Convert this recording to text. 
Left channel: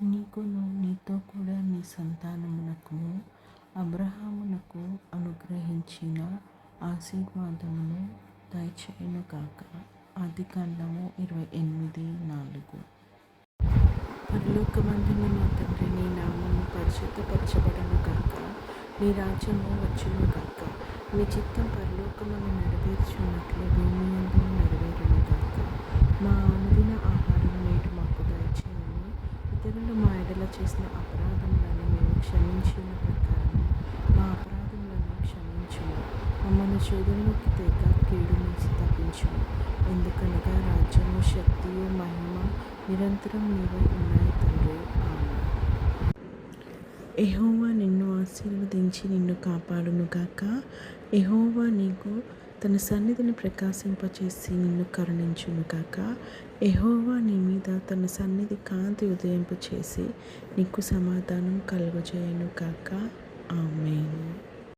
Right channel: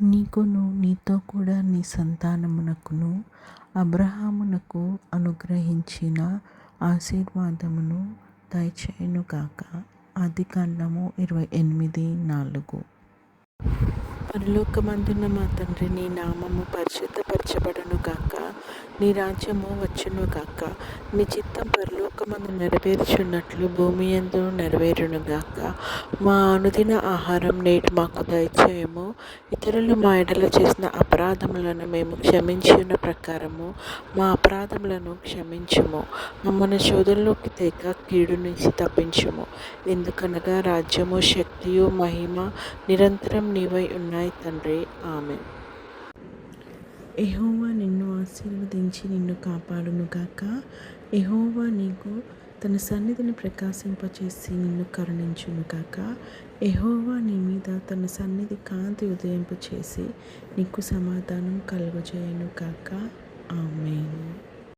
నీకును నీతో కూడా నీ సంతానమునకును అబ్రహామునకు అనుగ్రహించిన ఆశీర్వాదమును దయచేయునుగాక. ఆదికాండము 28:4. పరలోకమందున్న మా తండ్రి, నీ నామము పరిశుద్ధపరచబడునుగాక. నీ రాజ్యము వచ్చునుగాక. నీ చిత్తం పరలోకమందు నెరవేర్చున్నట్లు భూమి యందు నెరవేరునుగాక. మా అనుదిన ఆహారం నేడు మాకు దయచేయము. ఇతరులు మా ఎడల చేసిన అపరాధములను మేము క్షమించిన ప్రకారము మా అపరాధములను క్షమించుము. మమ్మల్ని శోధనలోకి తేక కీడు నుంచి తప్పించుము. ఎందుకనగా రాజ్యము, శక్తియు, మహిమ నిరంతరం నీవై ఉన్నాయి తండ్రి. ఆమేన్. యెహోవా నిన్ను ఆశీర్వదించి నిన్ను కాపాడునుగాక. యెహోవా నీకు తన సన్నిధిని ప్రకాశింపచేసి నిన్ను కరుణించునుగాక. యెహోవా నీ మీద తన సన్నిధి కాంతి ఉదయింపచేసి నీకు సమాధానం కలుగజేయునుగాక.